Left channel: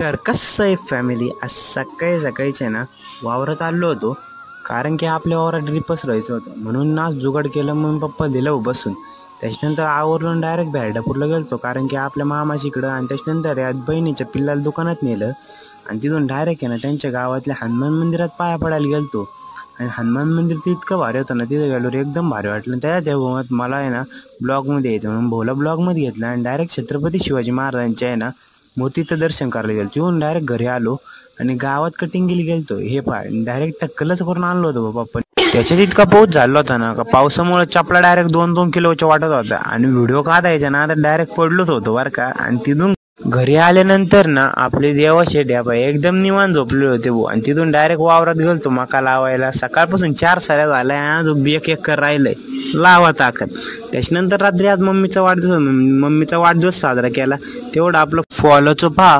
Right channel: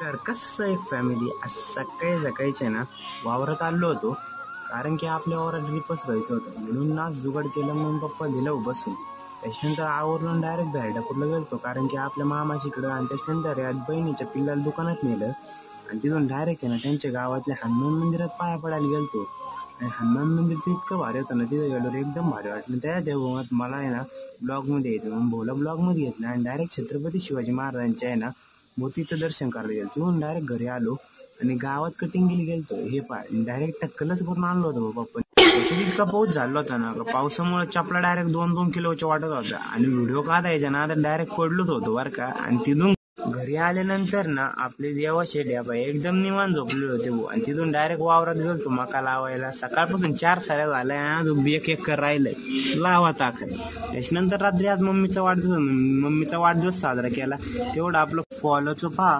तर कसं आहे फॅमिली, आज सकाळी सकाळीच आहे ना वावरात आलो होतो. कारण की आपल्या वावरात ड्रिपच राहायचं होतं म्हणून ना जुगाड केलं. मग पप्पा दिलं बसून. त्याच्यानंतर आवरलं डायरेक्ट भेरडापूरला गेलतो कारण की आपल्या मामाशीकडं. आणि त्याच्यानंतर या बहिणीच्या पिल्लाला दुकानात नेलं आणि तिथून डायरेक्ट आहे ना त्यांच्या गावातल्या हनुमान मंदिरात पाया पडायला गेलतो. आणि हनुमान मंदिर तर इतकं भारी होतं ना, तिथं गेलो एकदम भारी वाटलं. त्या मला आहे ना ब्लॉगमध्ये यायचं म्हणून भोला ब्लॉगमध्ये घेतलं आणि डायरेक्ट छत्रपती शिवाजी महाराजांच्या आहे ना मूर्तीचं दर्शन करायला गेलो. येऊन डायरेक्ट घरी आलो आणि गावात कटिंगला गेलतो. हे डायरेक्ट टक्कलच करून आणलं होतं बाप्पा. त्याच्यात इतका पाऊस झाला होता ना का पावसामुळे चपला डायरेक्ट 2-2 किलोच्या वाटत होता. आणि व्हिडिओ काढायचा ना तर डायरेक्ट पडलोच होतो बरं का. आणि तिथून घरी आल्यानंतर ना आपले देवाशे ड्याबा एकदम निवांत झोपले होते भाऊ. आणि तिथून डायरेक्ट वावरात गेलतो मका लावायला. सकाळपासून 4 साऱ्या झाल्या, अजून एक एकर राहिलंय लावा ताकद. त्याच्यानंतर रात्री आज मम्मीचा वाढदिवस साजरा केला. तेवढं आपलं फॉलोचं पहा.